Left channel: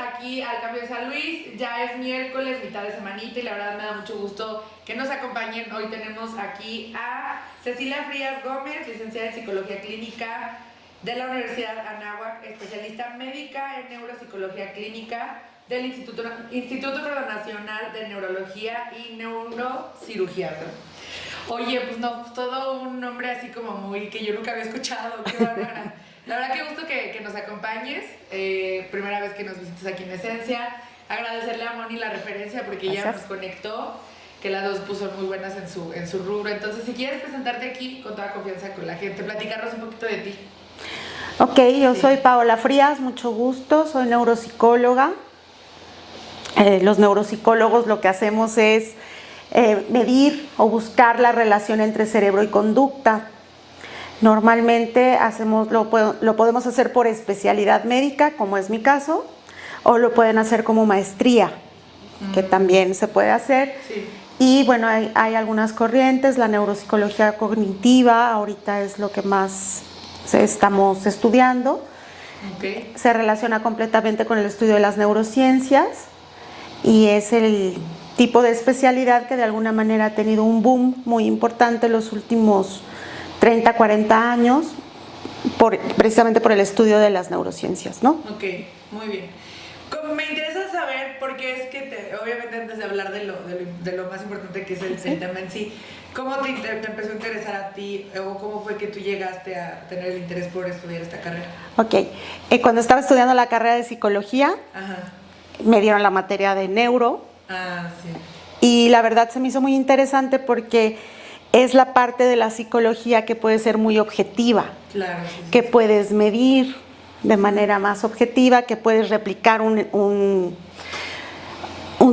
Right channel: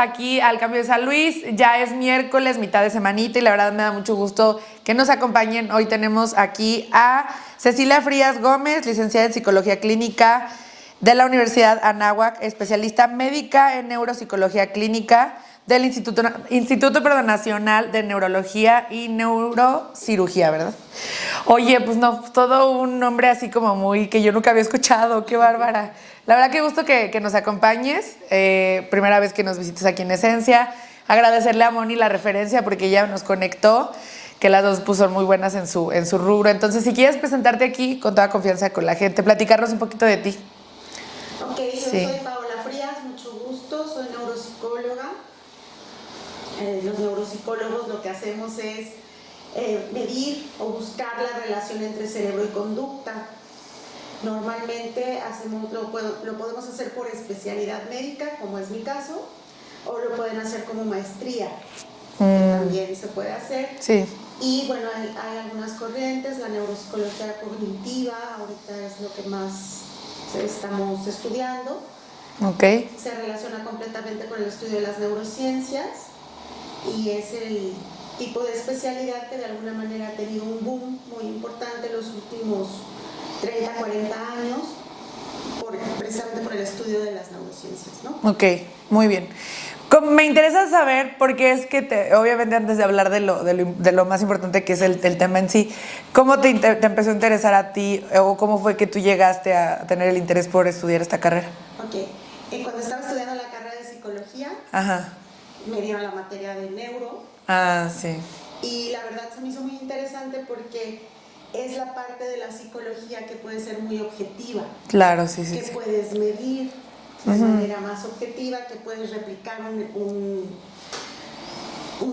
aquí al Cambio de San Luis. Ya es miércoles, mitad de semanita, y la verdad me da mucho gusto que nos acompañen. Hoy tenemos aquí a Cecilia Frías Gómez, licenciada en Psicología Clínica de la Universidad Anáhuac, especialista médica en Neuropsicología Clínica del Instituto Nacional de Neurología y Neurocirugía, ¿verdad? Oye, pues no, todo un nombre así como muy que yo nunca había escuchado, qué bárbara. La verdad que gusto que nos acompañes, primera vez que nos visites aquí en Esencia. Agradecerle a Moni la referencia porque ella nos conectó, que las dos puso muy buenas en su rubro. Entonces, si quieres presentarte aquí con toda confianza con la gente, platicarnos un poquito de ti. Ok, yo soy Paola Frías, mucho gusto, soy neuropsicóloga. Los neuropsicólogos lo que hacemos es medir o buscar la relación entre cerebro y conducta. Normalmente lo podemos hacer por especialidad médica, como es mi caso, o lo pueden hacer como maestría, que también se puede hacer. Sí. Y bueno, hay algunas corrientes, la neuropsicología cognitiva, ahorita es lo que más estamos estudiando. Okay. Se relaciona completamente con el estudio de las neurociencias y es el tipo de especialidad que de alguna manera ha tenido un boom muy importante en los últimos 30, 40 años, precisamente por el estudio de las neurociencias, ¿no? Ok, muy bien. Me interesa saber, porque es que obviamente antes de hablar de lo más importante que es el tema en sí, ¿cómo te empezó a interesar a ti o cómo fue que tú llegaste a tener el interés por estudiar esta carrera? Ok, cuando estaba estudiando la carrera de psicología, Ajá. me dieron la materia de neuro. Ah, sí. Y la verdad se me hizo muy interesante porque es la parte de la psicología que puede ser muy objetiva. Claro, sí, sí. Que sí. puedes medir de manera más objetiva, que puedes replicar un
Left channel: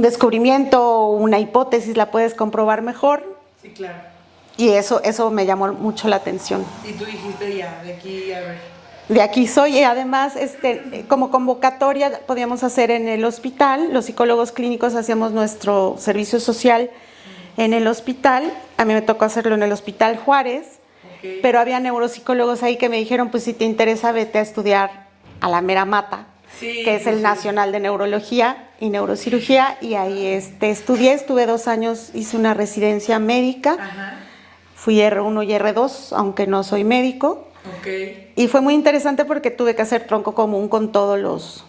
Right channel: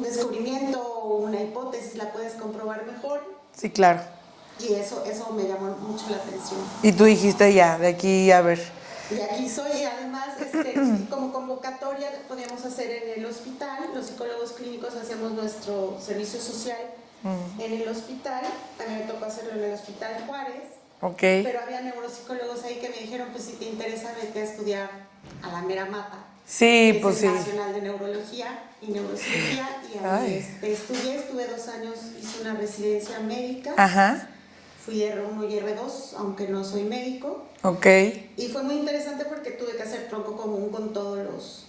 descubrimiento o una hipótesis, la puedes comprobar mejor. Sí, claro. Y eso me llamó mucho la atención. Y tú dijiste ya, de aquí a ver. De aquí soy, y además como convocatoria podíamos hacer en el hospital, los psicólogos clínicos hacíamos nuestro servicio social en el hospital, a mí me tocó hacerlo en el Hospital Juárez, Okay. pero había neuropsicólogos ahí que me dijeron, pues si te interesa vete a estudiar a la mera mata, Sí, que es pues el Nacional de Neurología y Neurocirugía, y ahí estudié, estuve 2 años, hice una residencia médica. Ajá. Fui R1 y R2, aunque no soy médico. Ok. Y fue muy interesante porque tuve que hacer tronco común con todos los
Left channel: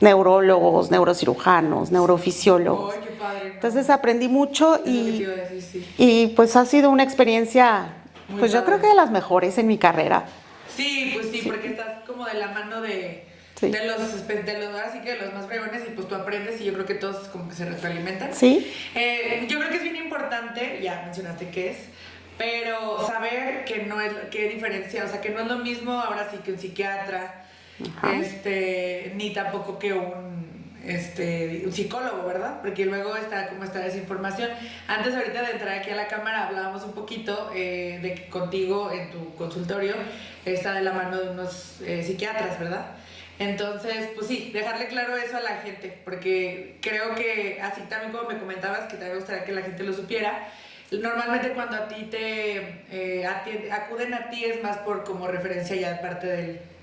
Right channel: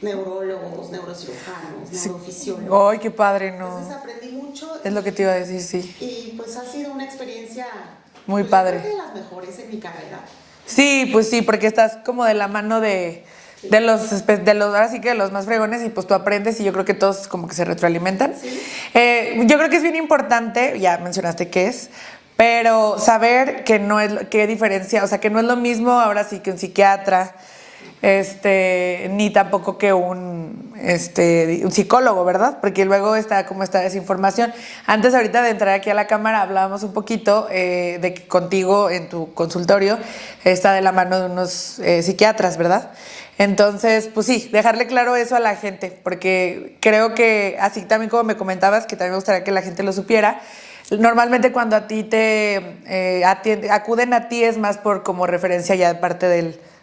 neurólogos, neurocirujanos, neurofisiólogos. ¡Ay, qué padre! No. Entonces aprendí mucho. Es lo que te iba a decir, sí. Y pues ha sido una experiencia, muy pues padre. yo creo que de las mejores en mi carrera. Sí, pues sí, porque estás como de la mano de los ahora sí que de los más fregones, y pues tú aprendes, y yo creo que todos como que se retroalimentan. Sí. Yo creo que es bien importante, ya mencionaste qué es, pero saber que no es, qué diferencia, o sea, que no es lo mismo ahora sí que un psiquiatra, ni tampoco que un psicólogo, ¿verdad? Porque luego está como esta desinformación. Antes, ahorita de entrar aquí a la cámara, hablábamos un poquito de que contigo en tu consultorio está de la mano de unos psiquiatras, ¿verdad? Entonces, pues sí, dejarle claro eso a la gente, porque creo que, así también como me comentabas, que también me gustaría que la gente lo supiera, normalmente cuando a ti acuden a ti es más por como referencia ya de parte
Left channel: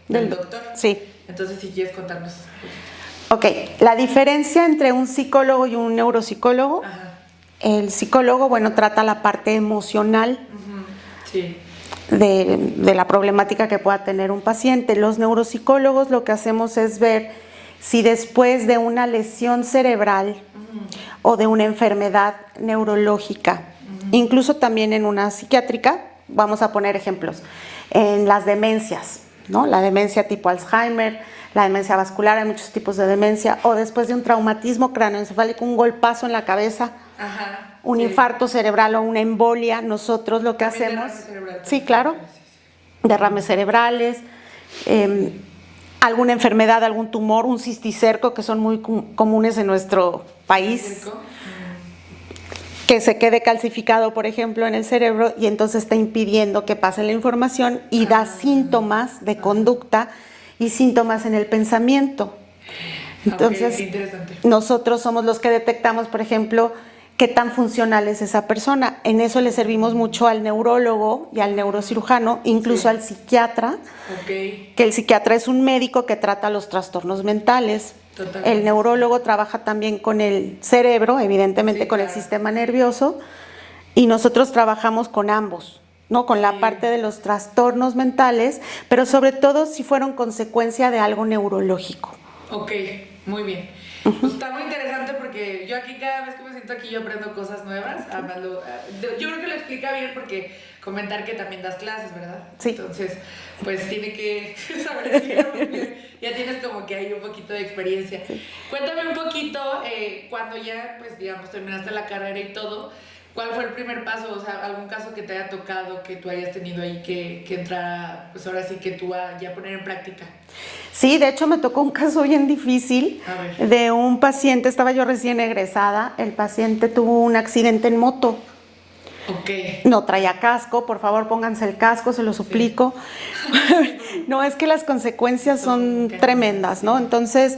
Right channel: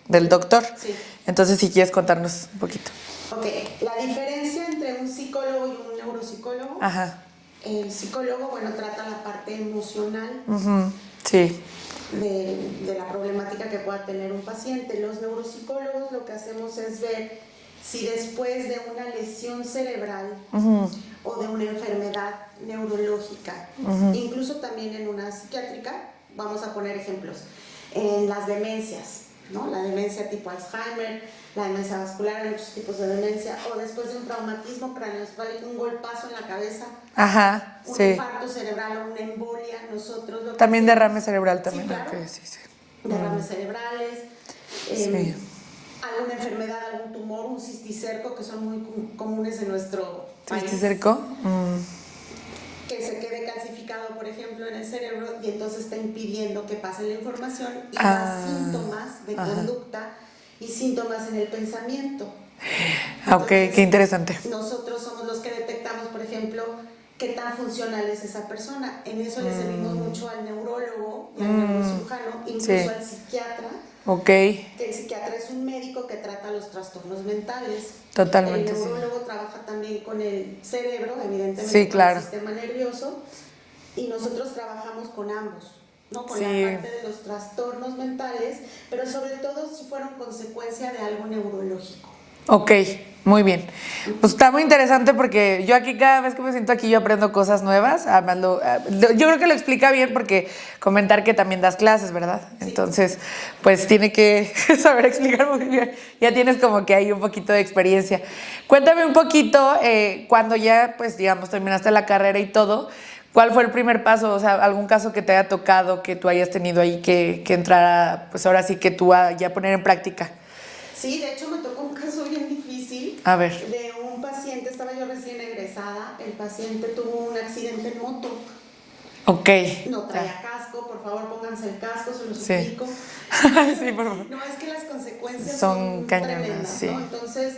del doctor. Sí. Entonces, si quieres contarnos un poquito. Ok, la diferencia entre un psicólogo y un neuropsicólogo. Ajá. El psicólogo, bueno, trata la parte emocional. Sí. De la problemática que pueda tener un paciente. Los neuropsicólogos lo que hacemos es ver si después de una lesión cerebral o de una enfermedad neurológica, incluso también en una psiquiátrica, vamos a poner ejemplos, en las demencias, ¿no? La demencia tipo Alzheimer, la demencia vascular, hay muchos tipos de demencia, o después de un traumatismo craneoencefálico, un golpazo en la cabeza, un infarto cerebral o una embolia, nosotros lo que también hacemos... derrame cerebral. También, sí, claro. Sí. Derrames cerebrales, alguna enfermedad, algún tumor, un cisticerco, que son muy comunes en nuestro país. ¿Cisticerco? Que se quede calcificado, por ejemplo, en el cerebro y entonces está impidiendo que pase la información y da síntomas de conducta y síntomas en el pensamiento. Entonces, qué interesante. Nosotros somos los que detectamos, por ejemplo, qué tan funcional es esa persona. En eso le servimos mucho al neurólogo y al neurocirujano, incluso al psiquiatra. Que el psiquiatra es un médico que trata los trastornos mentales. Totalmente. El neurólogo trabaja también con el cerebro, evidentemente con el sistema nervioso, y nosotros trabajamos con ambos, ¿no? Con la parte de los trastornos mentales, pero sobre todo si fueron consecuencia de algo neurológico. Muy bien. Pues está muy interesante porque yo aquí cada vez que me siento aquí yo aprendo cosas nuevas. Yo creo que lo explica bien porque comentar que también das clases, ¿verdad? Sí. Entonces, pues tiene que saber explicar muy bien. Ya tienes como que hay un poquito de experiencia. Sí. Cuéntame un poquito, cuando ya, pues digamos, terminaste la carrera y todo, ¿cuál fue el primer paso? O sea, algún caso que te haya tocado, que tú hayas tenido ahí que entrara, pues ahora sí que tú ya poner en práctica. Sí, de hecho me tocó un caso bien difícil. A ver. De un paciente, estaba yo recién egresada, el paciente tuvo un accidente en moto. No traía casco, por favor pónganse el casco, se lo suplico. Sí. No, es que las consecuencias son tremendas, ¿no? Entonces,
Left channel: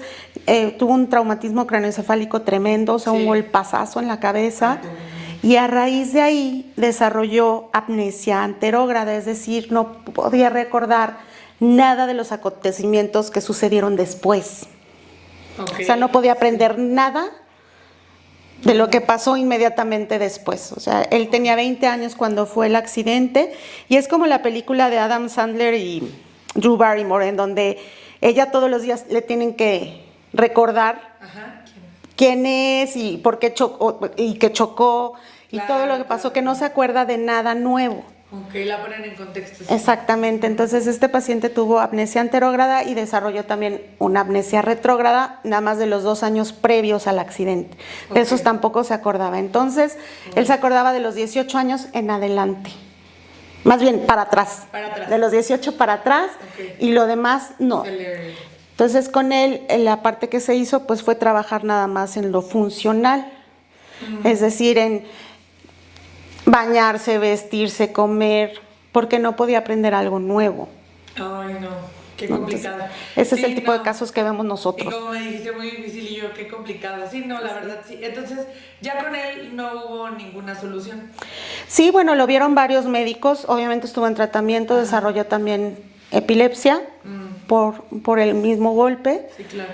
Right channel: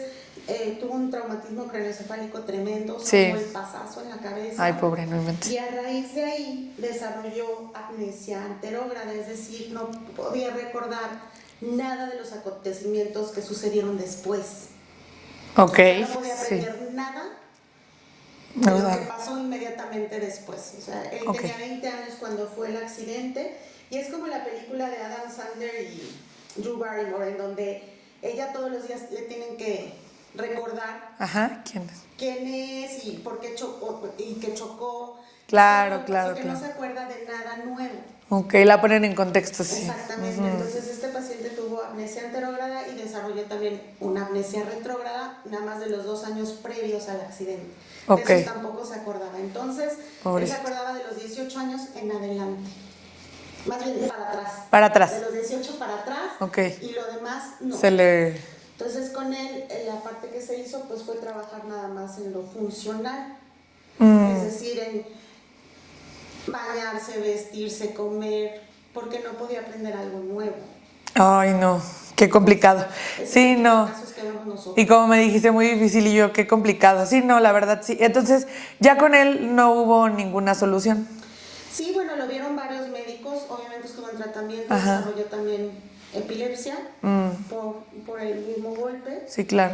tuvo un traumatismo craneoencefálico tremendo, un golpazazo en la cabeza. Ay, pobre, no. Y a raíz de ahí desarrolló amnesia anterógrada, es decir, no podía recordar nada de los acontecimientos que sucedieron después. O sea, no podía aprender nada de lo que pasó inmediatamente después. O sea, él tenía 20 años cuando fue el accidente y es como la película de Adam Sandler y Drew Barrymore, en donde ella todos los días le tienen que recordar quién es y por qué chocó y que chocó, y todo lo que pasó, que no se acuerda de nada nuevo. La ponen en contexto. Sí. Exactamente. Entonces este paciente tuvo amnesia anterógrada y desarrolló también una amnesia retrógrada, nada más de los 2 años previos al accidente. De esos tampoco se acordaba. Entonces, él se acordaba de los 18 años en adelante. Más bien, para atrás. Para atrás. De los 18 para atrás. Y lo demás, no. Entonces, con él, la parte que se hizo, pues fue trabajar nada más en lo funcional. Es decir, en bañarse, vestirse, comer, porque no podía aprender algo nuevo. Ay, no, qué complicado. Ese es el tipo de casos que vemos nosotros. Y como me dijiste, muy difícil, y yo, qué complicado. Sí, no, la verdad, sí. Entonces, ya con él no hubo ninguna solución. Sí, bueno, lo vieron varios médicos, obviamente estuvo en tratamiento, desarrolló también epilepsia por el mismo golpe. Sí, claro.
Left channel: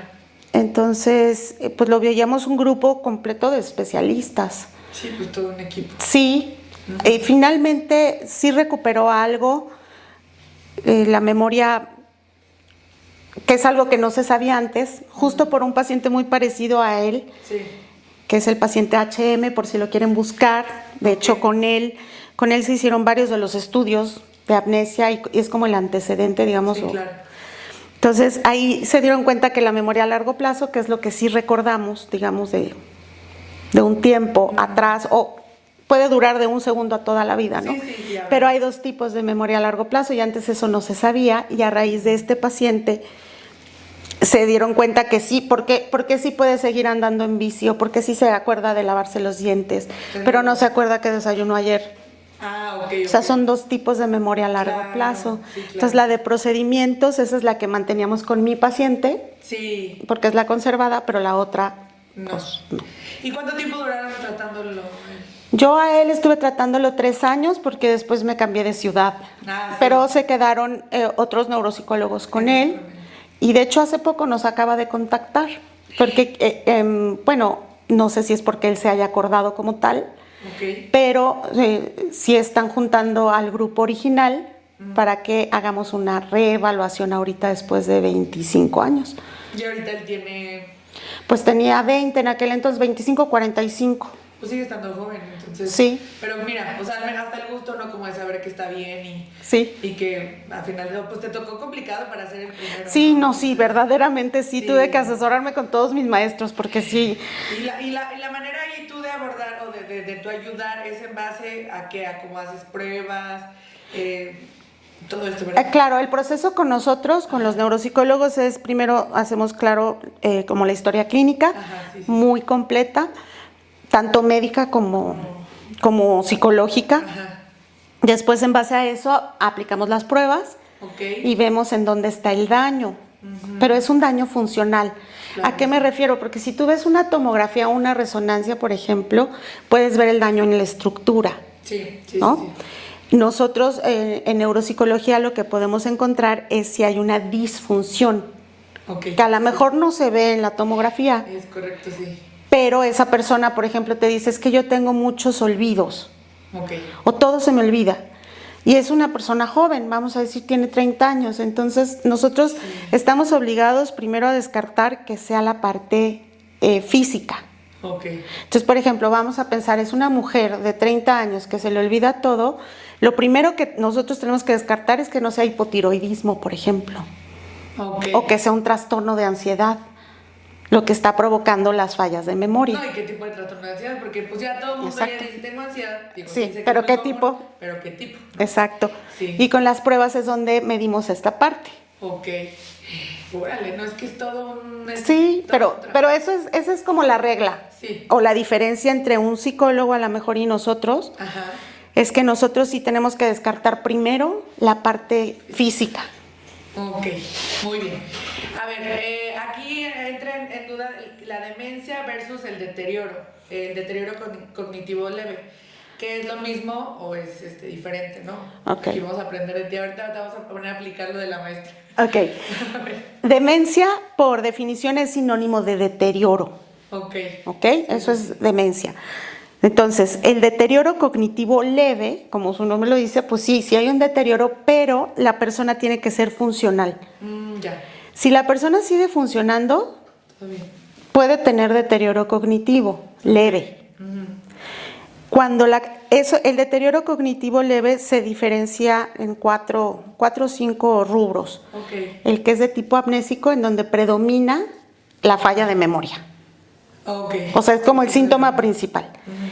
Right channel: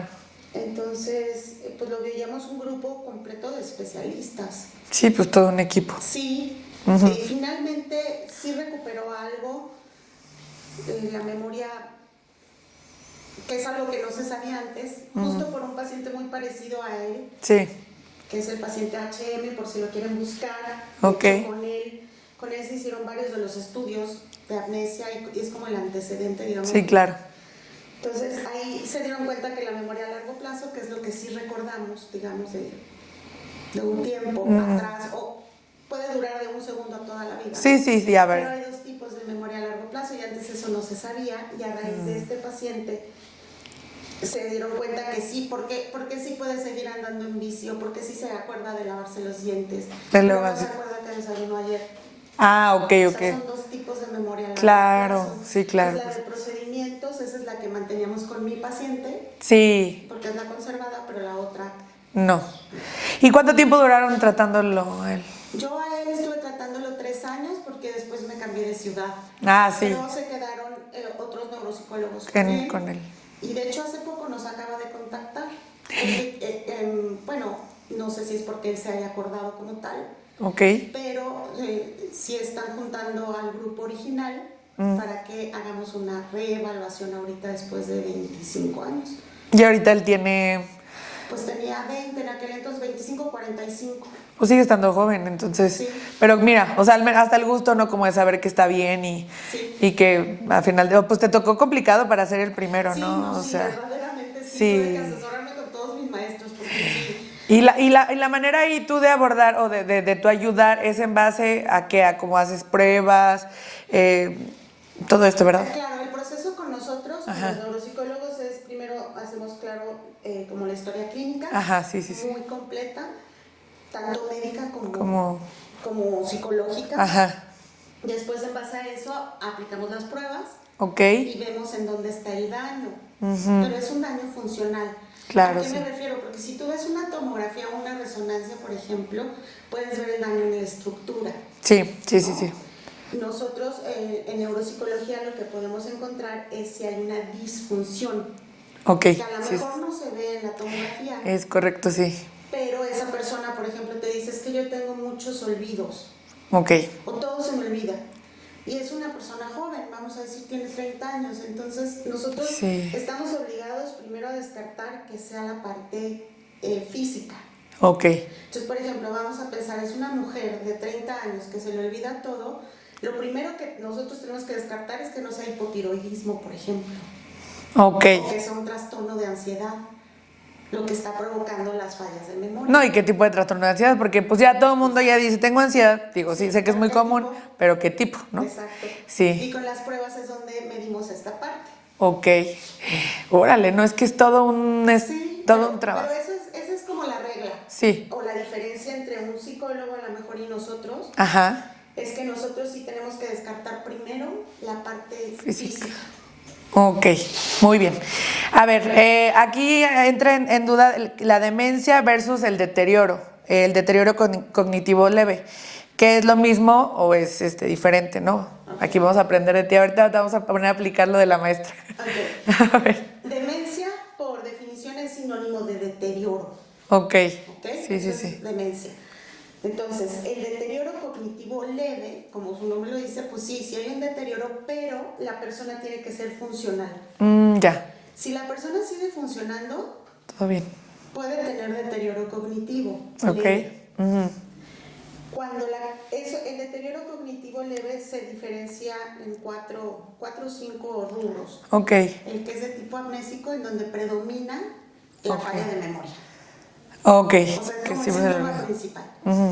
Entonces, pues lo veíamos un grupo completo de especialistas. Sí, pues todo un equipo. Sí. Finalmente sí recuperó algo, la memoria, que es algo que no se sabía antes, justo por un paciente muy parecido a él, que es el paciente HM, por si lo quieren buscar. De hecho, con él se hicieron varios de los estudios de amnesia y es como el antecedente, digamos. Sí, claro. Entonces, ahí se dieron cuenta que la memoria a largo plazo, que es lo que sí recordamos, digamos, de un tiempo atrás, o puede durar de un segundo a toda la vida, ¿no? Sí, a ver. Pero hay 2 tipos de memoria a largo plazo y antes eso no se sabía y a raíz de este paciente se dieron cuenta que sí, porque sí puede seguir andando en bici o porque sí se acuerda de lavarse los dientes, pero no se acuerda que desayunó ayer. O sea, son 2 tipos de memoria a largo plazo. Sí, claro. Entonces, la de procedimientos, esa es la que manteníamos con mi paciente. Sí. Porque es la conservada, pero la otra no. ¿Y cuánto tiempo duraron tratándolo él? Yo a él estuve tratándolo 3 años porque después me cambié de ciudad. Sí. Pero se quedaron otros neuropsicólogos con él. Y de hecho hace poco nos acaba de contactar. Porque, bueno, no sé si es porque él se haya acordado como tal. Pero sí están juntando al grupo original para que hagamos una reevaluación ahorita después de 25 años. ¿Y ahorita él tiene...? Pues tenía 20, en aquel entonces 25, 45. Pues sigue estando joven, entonces. Sí. Pero mira, o sea, hasta el gusto, ¿no? Como de saber que está bien y que al final, pues te tocó complicado para ser el primero, sí, ¿no? Verdaderamente sí. Tuve que asesorarme con todos mis maestros porque sí. Y la manera ahí tú de abordar o de tu ayudar es en base a qué, a cómo haces pruebas, todo esto, ¿verdad? Claro, el proceso con nosotros, con los neuropsicólogos, es primero hacemos como la historia clínica, muy completa, tanto médica como psicológica. Después, en base a eso, aplicamos las pruebas y vemos en dónde está el daño. Pero es un daño funcional. Claro, ¿A qué me refiero? Porque si tú ves una tomografía o una resonancia, por ejemplo, puedes ver el daño en la estructura. Sí, sí, ¿no? sí, sí. Nosotros en neuropsicología lo que podemos encontrar es si hay una disfunción, Ok. que a lo sí. mejor no se ve en la tomografía, Es correcto, sí. pero esa persona, por ejemplo, te dice, es que yo tengo muchos olvidos, Ok. o todo se me olvida. Y es una persona joven, vamos a decir, tiene 30 años. Entonces, nosotros Sí. estamos obligados primero a descartar que sea la parte física. Ok. Entonces, por ejemplo, vamos a pensar, es una mujer de 30 años que se le olvida todo. Lo primero que nosotros tenemos que descartar es que no sea hipotiroidismo, por ejemplo. Ok. O que sea un trastorno de ansiedad, lo que está provocando las fallas de memoria. No, ¿y qué tipo de trastorno de ansiedad? Porque pues ya todo el mundo ya Exacto. dice, tengo ansiedad. Digo, sí, Sí, sé que es pero muy ¿qué común, tipo? pero ¿qué tipo? ¿No? Exacto. Sí. Y con las pruebas es donde medimos esta parte. Ok. Órale, no es que es todo un... Sí, todo un trabajo. pero esa es como la regla. Sí. O la diferencia entre un psicólogo a lo mejor y nosotros, Ajá. es que nosotros sí tenemos que descartar primero la parte física. Ok, muy bien. A ver, aquí entra en duda la demencia versus el deterioro cognitivo leve. ¿Qué es lo mismo o es diferente, no? Ok. Aquí vamos a aprender de ti. Ahorita vamos a poner a aplicar lo de la maestra. Ok. A ver. Demencia, por definición, es sinónimo de deterioro. Ok. ¿Ok? Sí, Eso sí, es sí. demencia. Entonces, el deterioro cognitivo leve, como su nombre lo dice, pues sí hay un deterioro, pero la persona tiene que ser funcional. Ya, Si la persona sigue funcionando, todo bien. puede tener deterioro cognitivo Ok. leve. Cuando el deterioro cognitivo leve se diferencia en cuatro o 5 rubros. Ok. El que es de tipo amnésico, en donde predomina la falla de memoria. Ok. O sea, es como Sí, el sí, síntoma principal.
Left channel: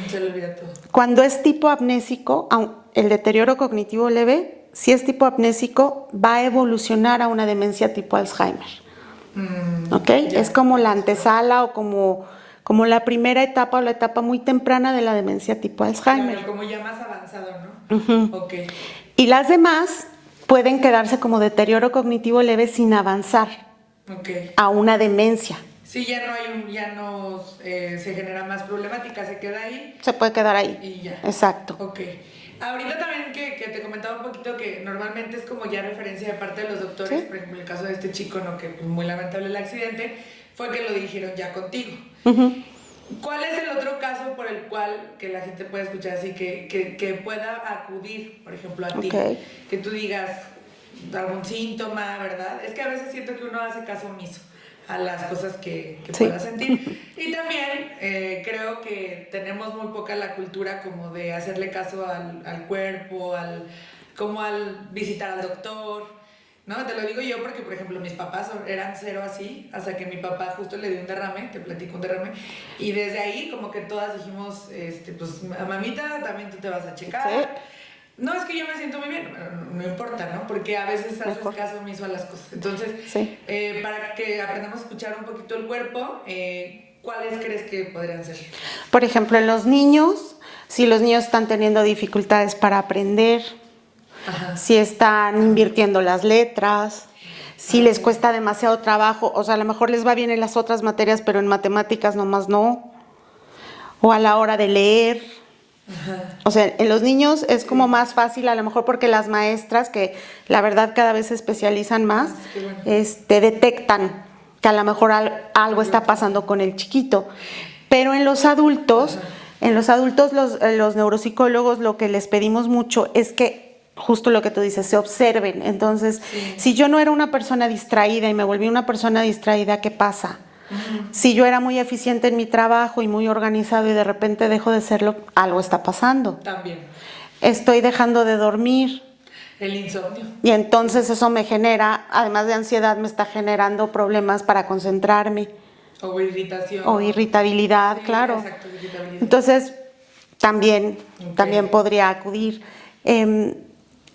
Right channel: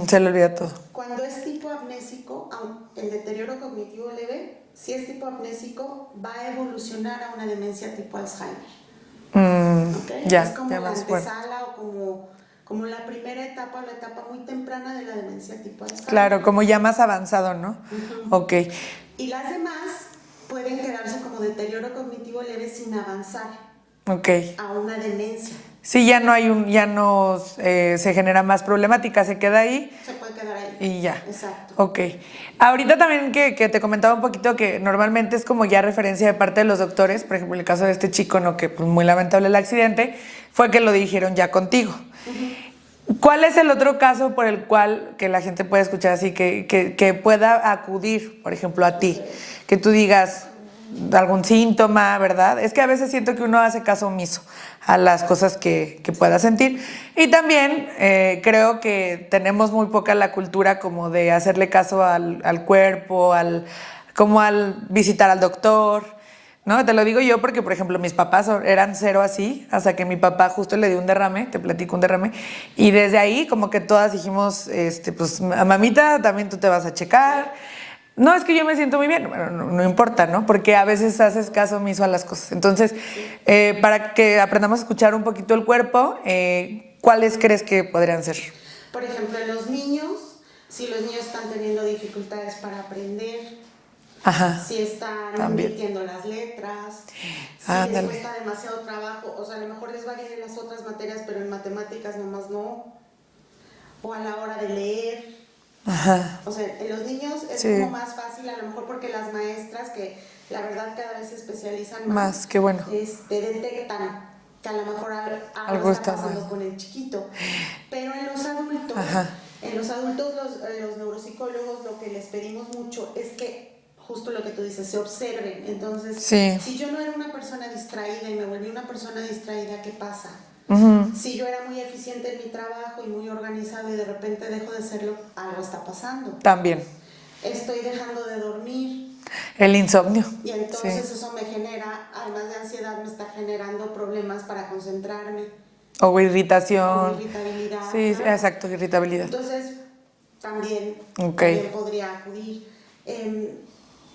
Se le olvida todo. Cuando es tipo amnésico, el deterioro cognitivo leve, si es tipo amnésico, va a evolucionar a una demencia tipo Alzheimer. ¿Ok? Ya, Es como ya la más fuerte. antesala o como la primera etapa o la etapa muy temprana de la demencia tipo Alzheimer. Claro, como ya más avanzado, ¿no? Ok. Y las demás pueden quedarse como deterioro cognitivo leve sin avanzar Ok. a una demencia. Sí, ya no se genera más problemática, se queda ahí Se puede quedar ahí. y ya. Exacto. Ok. Ahorita también que te comentaba un poquito que normalmente es como ya referencia de parte de los doctores, por ejemplo, el caso de este chico, ¿no? Que pues, muy lamentable el accidente, fue que lo dijeron ya contigo. ¿Cuál es el otro caso por el cual que la gente puede escuchar así, que pueda acudir, por ejemplo, a ti? Ok. Que tú digas algún síntoma, ¿verdad? Es que a veces siento que uno hace caso omiso a las cosas que pueda sentir. Y también creo que tenemos muy poca la cultura como de hacerle caso al cuerpo, como al visitar al doctor, ¿no? Te lo digo yo porque, por ejemplo, mis papás eran cero así, hasta que mi papá justo le dio un derrame, te platico un derrame, y desde ahí como que todas dijimos, pues, mamita, también tú te vas a checar. Sí. No, es que yo me siento muy bien. Bueno, no importa, ¿no? Porque a veces haces caso omiso a las cosas. Entonces, Sí. para que aprendamos a escuchar un poquito el cuerpo, ¿cuáles crees que podrían ser? Por ejemplo, en los niños, si los niños están teniendo dificultades para aprender, Ajá. si están También. invirtiendo las letras, si les Ándale. cuesta demasiado trabajo, o sea, a lo mejor les va bien en las otras materias, pero en matemáticas nomás no, o a la hora de leer. Ajá. O sea, en los niños es Sí. como más fácil, a lo mejor porque las maestras, que la verdad cada vez se especializan más, Qué bueno. detectan que a lo mejor algo está pasando con el chiquito. Pero en los adultos, Ajá. los neuropsicólogos lo que les pedimos mucho es que, justo lo que tú dices, se observen. Entonces, Sí. si yo no era una persona distraída y me volví una persona distraída, ¿qué pasa? Si yo era muy eficiente en mi trabajo y muy organizado y de repente dejo de serlo, algo está pasando. También. Estoy dejando de dormir El insomnio. y entonces eso me genera, además de ansiedad, me está generando problemas para concentrarme O irritación. o irritabilidad, Sí, claro. exacto, irritabilidad. Entonces, también podría acudir.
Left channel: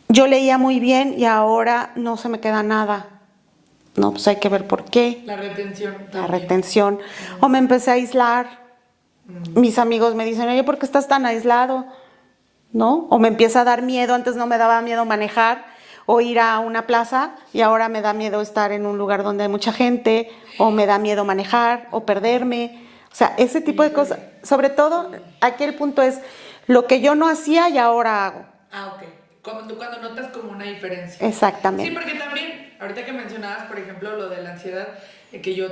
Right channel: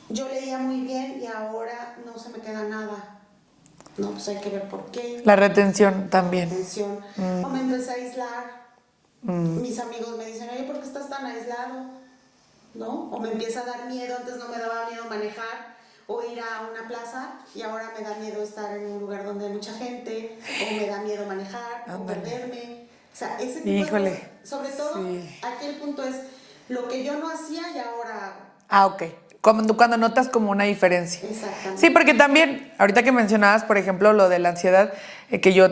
Yo leía muy bien y ahora no se me queda nada. No, pues hay que ver por qué. La retención La también. retención. O me empecé a aislar. Mis amigos me dicen, oye, ¿por qué estás tan aislado? ¿No? O me empieza a dar miedo, antes no me daba miedo manejar. o ir a una plaza y ahora me da miedo estar en un lugar donde hay mucha gente, o me da miedo manejar, o perderme. O sea, ese tipo de cosas. Sobre todo, aquí el punto es lo que yo no hacía y ahora hago. Ah, ok. Cuando notas como una diferencia. Exactamente. Sí, porque también, ahorita que mencionabas, por ejemplo, lo de la ansiedad, que yo,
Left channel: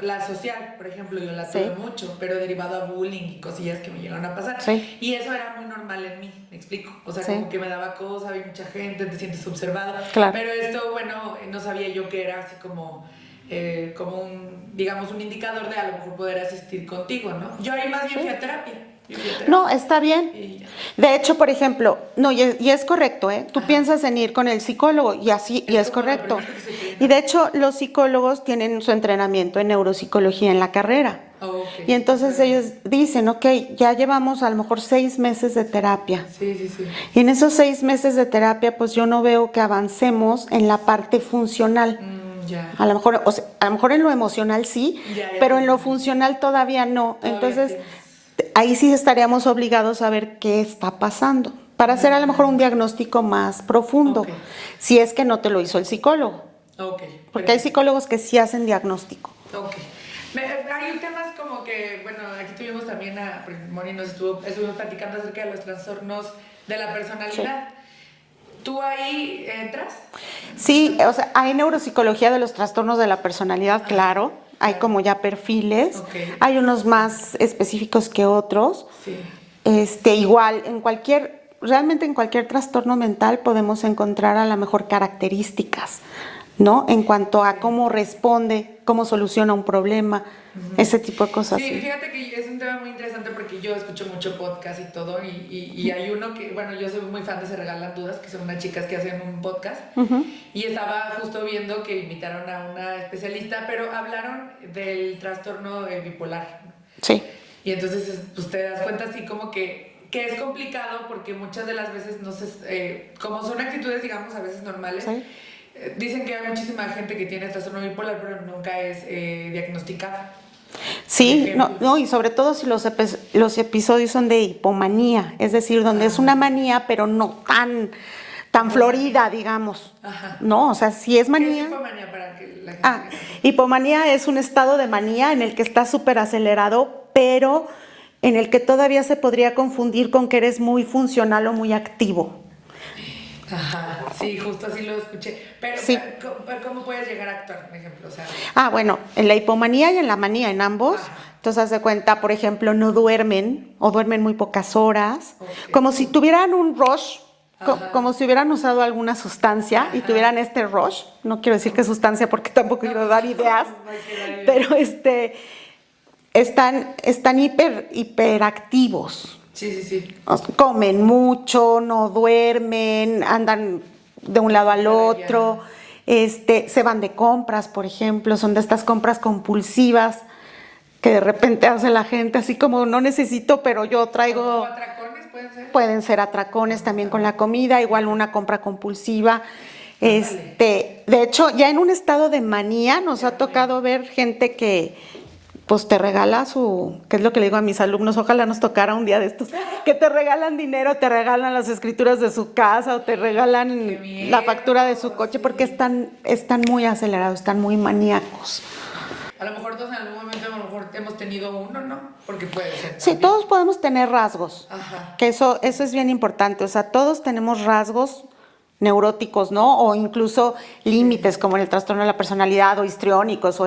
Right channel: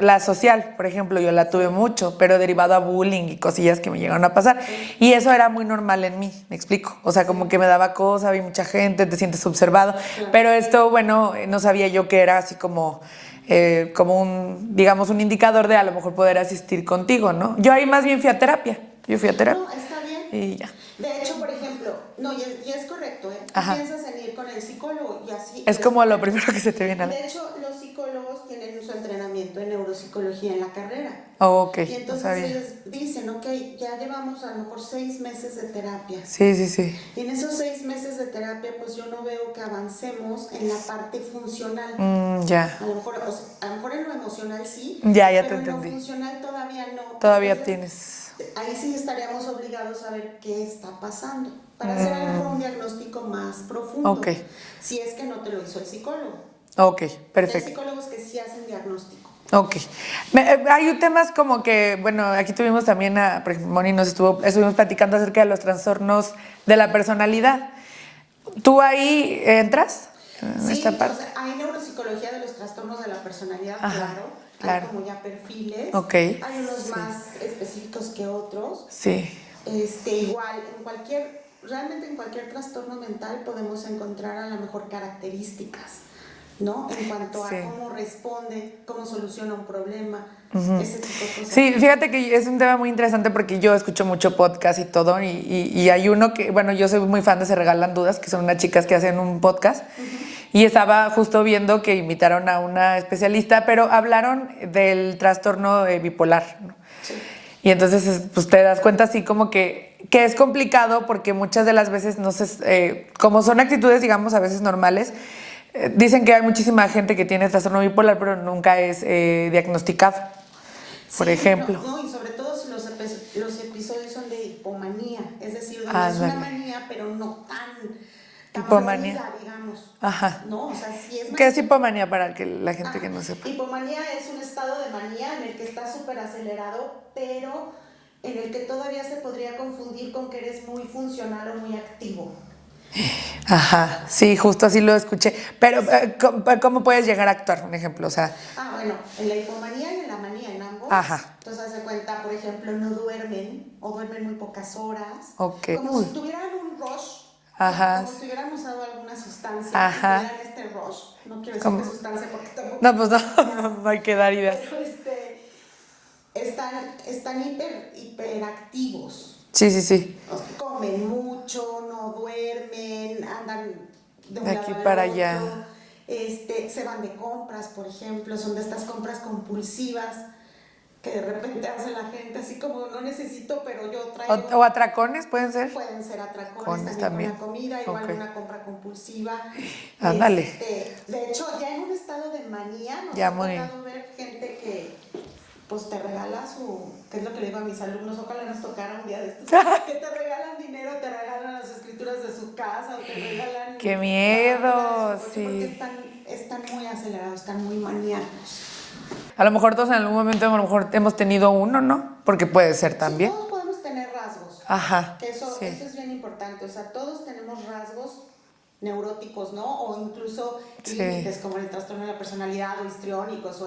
la social, por ejemplo, yo la tuve mucho, pero derivado a bullying y cosillas que me llegaron a pasar. Sí. Y eso era muy normal en mí, me explico. O sea, como que me daba cosa, vi mucha gente, te sientes observado. Claro. Pero esto, bueno, no sabía yo que era así como un, digamos, un indicador de a lo mejor poder asistir contigo, ¿no? Yo ahí más bien fui a terapia. Yo fui a terapia. No, está bien. Y ya. De hecho, por ejemplo, no, y es correcto, ¿eh? Tú piensas en ir con el psicólogo y así Es y es como correcto. lo primero que se te viene. Y de hecho, los psicólogos tienen su entrenamiento en neuropsicología en la carrera. Oh, ok. Y entonces Está bien. ellos dicen, ok, ya llevamos a lo mejor 6 meses de terapia. Sí, sí, sí. Y en esos 6 meses de terapia, pues yo no veo que avancemos en la parte funcional. Ya. A lo mejor, o sea, a lo mejor en lo emocional sí, Ya pero te en lo entendí. funcional todavía no. Todavía Entonces, tienes. ahí sí estaríamos obligados a ver qué está pasando para hacer a lo mejor un diagnóstico más profundo, Ok. si es que no te lo hizo el psicólogo. Ok, Porque hay perfecto. psicólogos que sí hacen diagnóstico. Ok. Hay temas como que, bueno, aquí tuvimos también por ejemplo, Moni estuvimos platicando acerca de los trastornos de la personalidad. ¿Tú ahí entras? Sí, o sea, hay neuropsicología de los trastornos de la personalidad, claro. Hay claro. como ya perfiles. Ok. Hay unos más específicos que otros. Sí. Igual, realmente en cualquier trastorno mental podemos encontrar a lo mejor características, ¿no? En cuanto a cómo responde, cómo soluciona un problema, ese tipo de cosas. Sí, fíjate que es un tema muy interesante porque yo escucho mucho podcast y todo, y hay uno que, bueno, yo soy muy fan de Se Regalan Dudas, que son unas chicas que hacen un podcast, y estaba justo viendo que invitaron a una especialista, pero hablaron del trastorno bipolar, ¿no? Sí. Y entonces, pues te das cuenta así como que es complicado porque muchas de las veces, no sé, como son actitudes, digamos, a veces normales, dicen que hay muchísima gente que tiene trastorno bipolar, pero nunca es diagnosticado. Sí, por ejemplo. no, y sobre todo si los episodios son de hipomanía, es decir, donde es una manía, pero no tan Hipomanía. florida, digamos. Ajá. No, o sea, si es manía. ¿Qué es hipomanía para la gente que no sepa? Hipomanía es un estado de manía en el que estás súper acelerado, pero en el que todavía se podría confundir con que eres muy funcional o muy activo. Ajá, sí, justo así lo escuché. Pero, ¿cómo puedes llegar a actuar? Un ejemplo, o sea. Bueno, en la hipomanía y en la manía, en ambos. Ajá. Entonces, haz de cuenta, por ejemplo, no duermen o duermen muy pocas horas. Ok. Como si tuvieran un rush, Ajá. como si hubieran usado alguna sustancia y Ajá. tuvieran este rush. No quiero decir qué sustancia porque tampoco No, quiero pues dar ideas. no hay que dar ideas. Pero están hiperactivos. Sí, sí, sí. O sea, comen mucho, no duermen, andan de un De lado aquí al para otro, se van de compras, por ejemplo, son de estas compras compulsivas que de repente hace la gente así como no necesito, pero yo traigo. O atracones, ¿pueden ser? Pueden ser atracones también con también. la comida, igual Ok. una compra compulsiva. Ándale. De hecho, ya en un estado de manía nos Ya ha muy- tocado ver gente que pues te regala que es lo que le digo a mis alumnos, ojalá nos tocara un día de estos, que te regalan dinero, te regalan las escrituras de su casa o te regalan ¡Qué miedo! la factura de su coche, Sí. porque están muy acelerados, están muy maníacos. A lo mejor todos en algún momento, a lo mejor hemos tenido uno, ¿no? Porque puede ser Sí, también. todos podemos tener rasgos. Ajá. Que eso es bien importante. O sea, todos tenemos rasgos neuróticos, ¿no? O incluso límites, como en el trastorno de la personalidad, o histriónicos,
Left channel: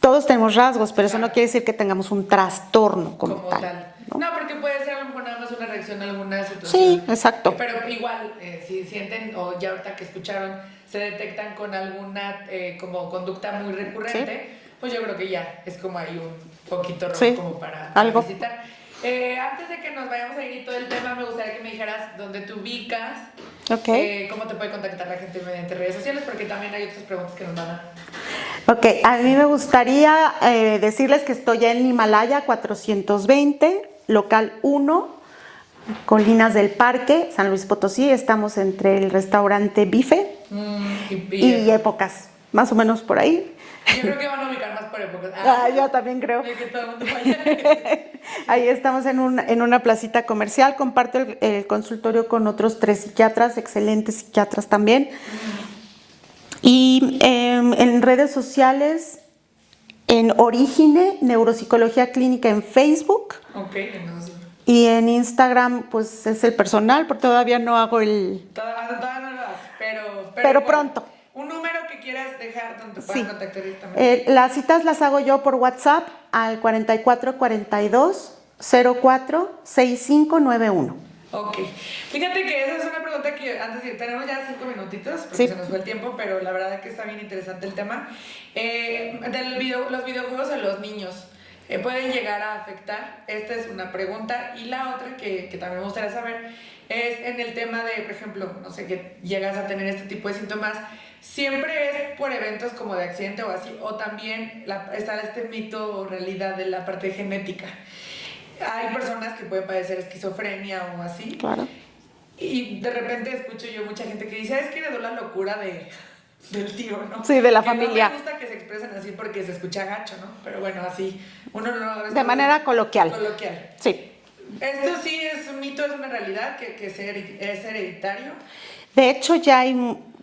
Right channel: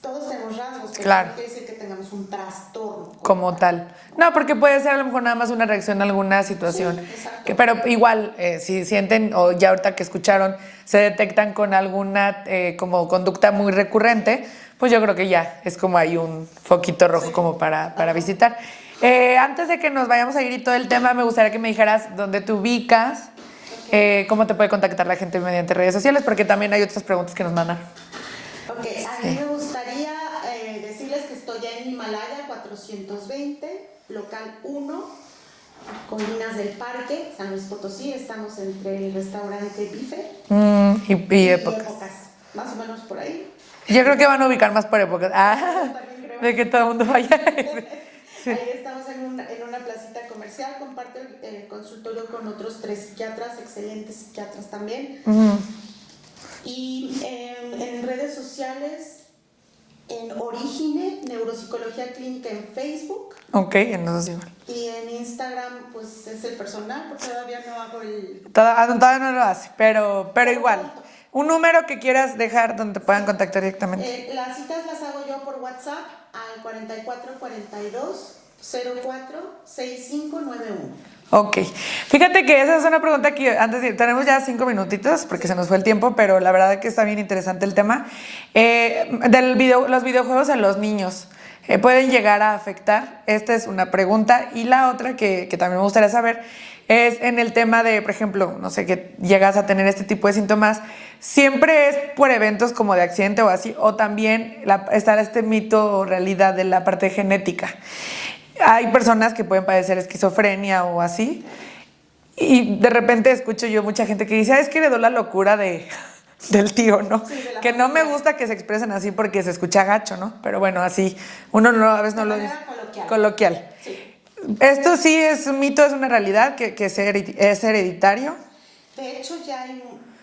todos tenemos rasgos, pero Claro. eso no quiere decir que tengamos un trastorno Como tal. No, porque puede ser a lo mejor nada más una reacción a alguna situación. Sí, exacto. Pero igual, si sienten, o ya ahorita que escucharon, se detectan con alguna como conducta muy recurrente, pues yo creo que ya es como hay un foquito rojo Sí, como para algo. visitar. Antes de que nos vayamos a ir y todo el tema, me gustaría que me dijeras dónde te ubicas, Ok. cómo te puede contactar la gente mediante redes sociales, porque también hay otras preguntas que nos mandan. Ok, a mí me gustaría decirles que estoy en Himalaya 420, local 1, Colinas del Parque, San Luis Potosí. Estamos entre el restaurante Bife Y y épocas, más o menos por ahí. Yo creo que van a ubicar más por épocas. Yo también creo. De que todo el mundo vaya. Sí. Ahí estamos en una placita comercial. Comparto el consultorio con otros 3 psiquiatras, excelentes psiquiatras también. Y en redes sociales, en Origine, Neuropsicología Clínica en Facebook. Ok, entonces sí. Y en Instagram, pues es el personal, porque todavía no hago el... Todavía no lo hace, pero igual. Pronto. Un número que quieras dejar donde te puedan contactar directamente. Las citas las hago yo por WhatsApp al 4442 04 6591. Ok. Fíjate que esa es una pregunta que antes tenemos ya 5 minutitos porque se nos fue el tiempo, pero la verdad que está bien interesante el tema. Los videojuegos en los niños. ¿Pueden llegar a afectar? Esta es una pregunta. Y la otra que también me gustaría saber es en el tema de, por ejemplo, no sé, que llegas a tener este tipo de síntomas, ¿siempre es por eventos como de accidente o así? ¿O también está este mito o realidad de la parte genética? Hay personas que pueden padecer esquizofrenia o así. Claro. Y de repente escucho yo mucha gente que dice, es que heredó la locura del tío, ¿no? Sí, de la que familia. No me gusta que se expresen así porque se escucha gacho, ¿no? Pero bueno, así, uno no a veces De manera coloquial. Coloquial. Sí. ¿Esto sí es un mito, es una realidad que es hereditario? De hecho,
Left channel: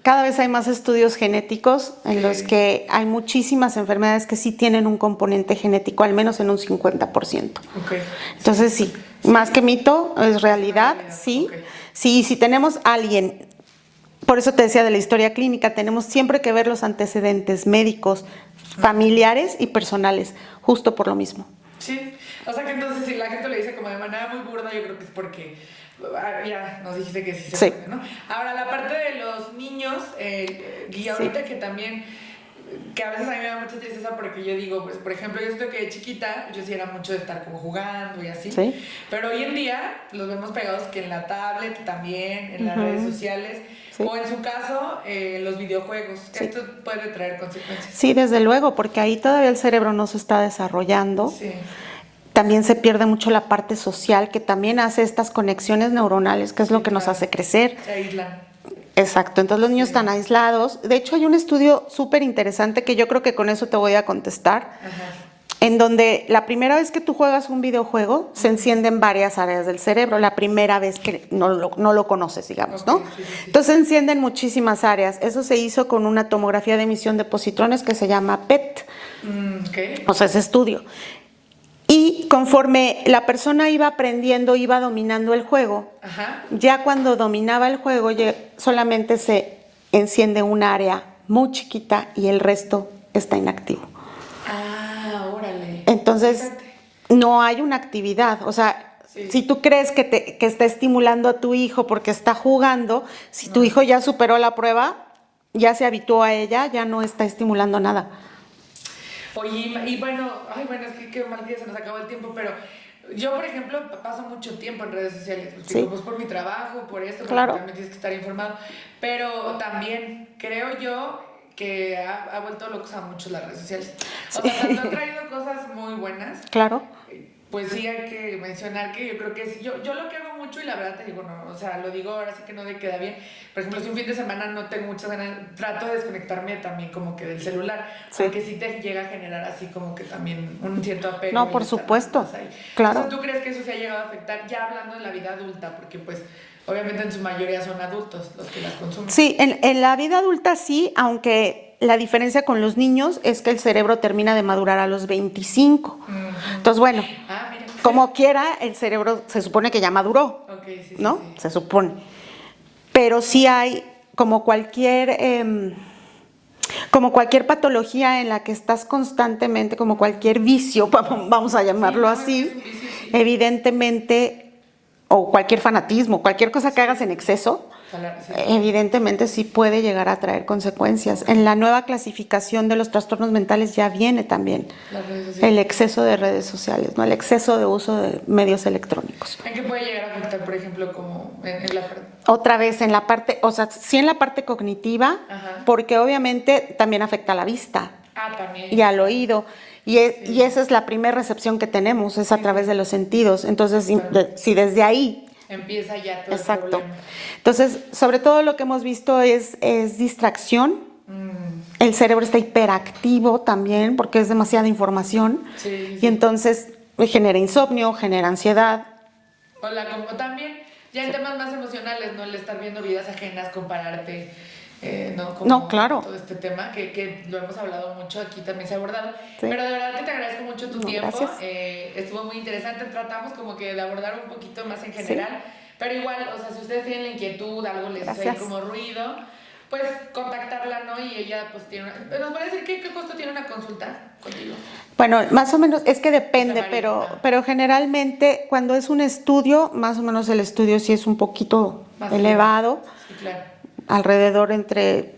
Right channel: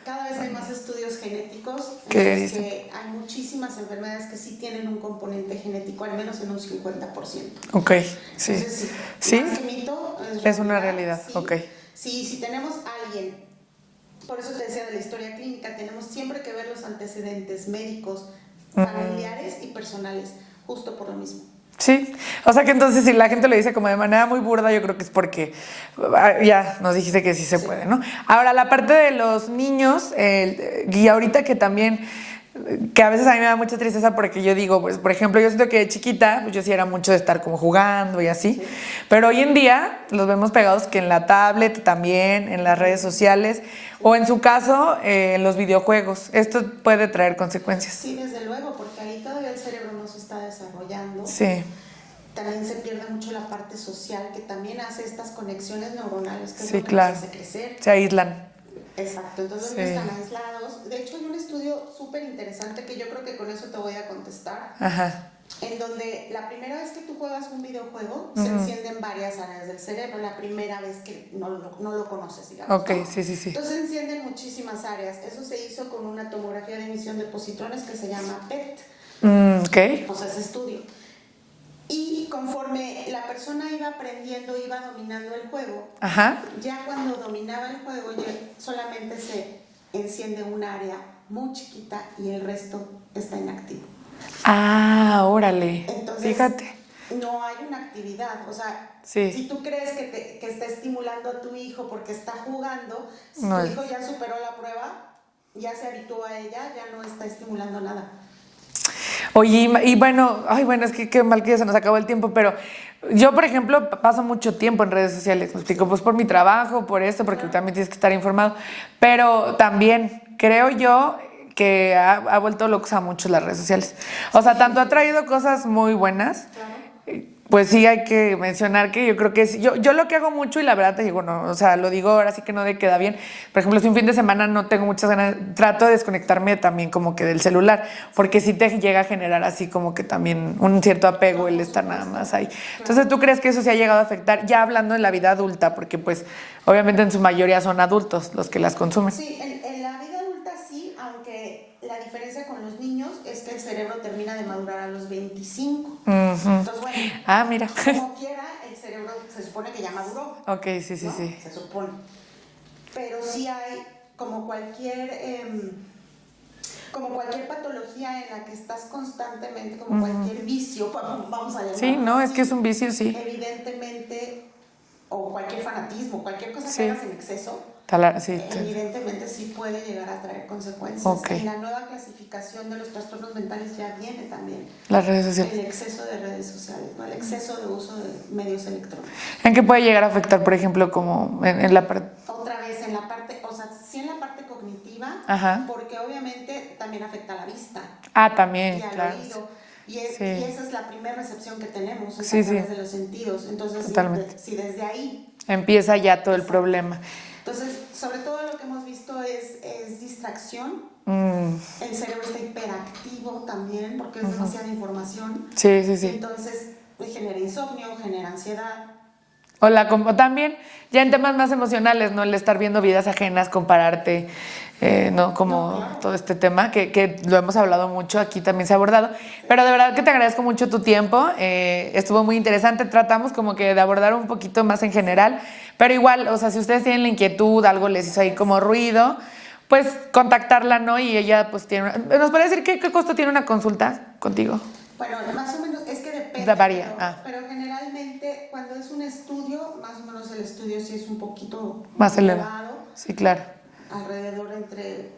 cada vez hay más estudios genéticos en los que hay muchísimas enfermedades que sí tienen un componente genético, al menos en un 50%. Ok. Entonces sí, más que mito, es realidad. Una realidad. Sí. Okay. Sí, si tenemos a alguien, por eso te decía de la historia clínica, tenemos siempre que ver los antecedentes médicos, familiares y personales, justo por lo mismo. Sí, o sea que entonces si la gente lo dice como de manera muy burda, yo creo que es porque ya nos dijiste que sí se puede, ¿no? Ahora, la parte de los niños, y ahorita que también, que a veces a mí me da mucha tristeza porque yo digo, pues, por ejemplo, yo siento que de chiquita, pues yo sí era mucho de estar como jugando y así, ¿Sí? Pero hoy en día los vemos pegados que en la tablet también, en las redes sociales, o en su caso, los videojuegos. Esto puede traer consecuencias. Sí, desde luego, porque ahí todavía el cerebro no se está desarrollando. Sí. También se pierde mucho la parte social, que también hace estas conexiones neuronales, que es lo que nos hace crecer. Se aíslan. Exacto, entonces los niños están aislados. De hecho, hay un estudio súper interesante que yo creo que con eso te voy a contestar, en donde la primera vez que tú juegas un videojuego, se encienden varias áreas del cerebro, la primera vez que no lo conoces, digamos, ¿no? Sí. Entonces se encienden muchísimas áreas. Eso se hizo con una tomografía de emisión de positrones que se llama PET. O sea, ese estudio. Y conforme la persona iba aprendiendo, iba dominando el juego, ya cuando dominaba el juego, solamente se enciende un área muy chiquita y el resto está inactivo. Ah, órale. Entonces, fíjate, no hay una actividad. O sea, si tú crees que está estimulando a tu hijo porque está jugando, si tu hijo ya superó la prueba, ya se habituó a ella, ya no está estimulando nada. Oye, y bueno, es que qué mal que ya se nos acabó el tiempo, pero yo, por ejemplo, paso mucho tiempo en redes sociales, pues por mi trabajo, por esto, porque también tienes que estar informado, pero también creo yo que ha vuelto locos a muchos las redes sociales. O sea, tanto ha traído cosas muy buenas. Claro. Pues sí, hay que mencionar que yo creo que yo lo que hago mucho, y la verdad te digo, no, o sea, lo digo ahora sí que no de queda bien. Por ejemplo, si un fin de semana no tengo muchas ganas, trato de desconectarme también como que del celular, porque sí te llega a generar así como que también un cierto apego. No, por supuesto. Más ahí. Claro. Entonces, ¿tú crees que eso se ha llegado a afectar ya hablando de la vida adulta? Porque pues obviamente en su mayoría son adultos los que las consumen. Sí, en la vida adulta sí, aunque la diferencia con los niños es que el cerebro termina de madurar a los 25. Entonces, bueno, mira. como quiera, el cerebro se supone que ya maduró. Ok, sí, ¿no? sí. Se supone. Pero sí hay, como cualquier patología en la que estás constantemente, como cualquier vicio, vamos a llamarlo así. Es que es un vicio, sí. Evidentemente, o cualquier fanatismo, cualquier cosa que hagas en exceso, evidentemente sí puede llegar a traer consecuencias. Okay. En la nueva clasificación de los trastornos mentales ya viene también las redes sociales. El exceso de redes sociales, ¿no? El exceso de uso de medios electrónicos. ¿En qué puede llegar a afectar, por ejemplo, como en la parte? Otra vez en la parte, o sea, sí en la parte cognitiva, porque obviamente también afecta a la vista. También. Y al oído. Y esa es la primera recepción que tenemos, es a través de los sentidos. Entonces, si desde ahí empieza ya todo el problema. Entonces, sobre todo lo que hemos visto es distracción, El cerebro está hiperactivo también porque es demasiada información. Sí, sí, sí. Y entonces genera insomnio, genera ansiedad. Como también, ya en temas más emocionales, ¿no? El estar viendo vidas ajenas, compararte, ¿no? Como No, claro. todo este tema, que lo hemos hablado mucho, aquí también se ha abordado. Sí. Pero de verdad que te agradezco mucho tu tiempo. Estuvo muy interesante. Tratamos como que de abordar un poquito más en general. Sí. Pero igual, o sea, si ustedes tienen la inquietud, algo les hizo ahí como ruido, pues contactarla, ¿no? Y ella pues tiene ¿Nos puede decir qué costo tiene una consulta contigo? Bueno, más o menos, es que depende, pero generalmente cuando es un estudio, más o menos el estudio sí es un poquito más elevado. Sí, claro. Alrededor entre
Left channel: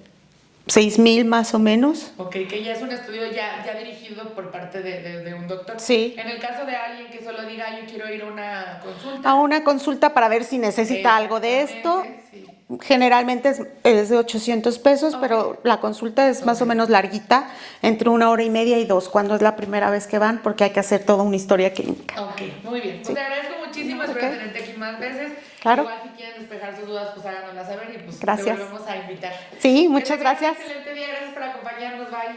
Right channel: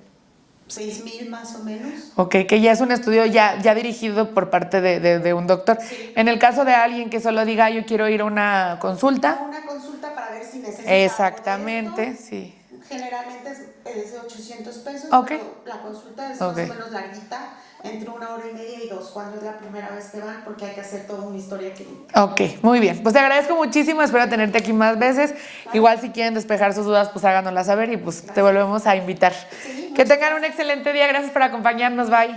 6,000 más o menos. Ok, que ya es un estudio ya dirigido por parte de un doctor. Sí. En el caso de alguien que solo diga, yo quiero ir a una consulta. A una consulta para ver si necesita algo de esto. Sí. Generalmente es de 800 pesos, pero la consulta es más o menos larguita, entre 1 hora y media y 2, cuando es la primera vez que van, porque hay que hacer toda una historia clínica. Ok, muy bien. Pues te agradezco muchísimo, espero tenerte aquí más veces. Claro. Igual si quieren despejar sus dudas, pues háganoslas saber y pues te volvemos a invitar. Sí, muchas gracias. Que tengan un excelente día, gracias por acompañarnos, bye.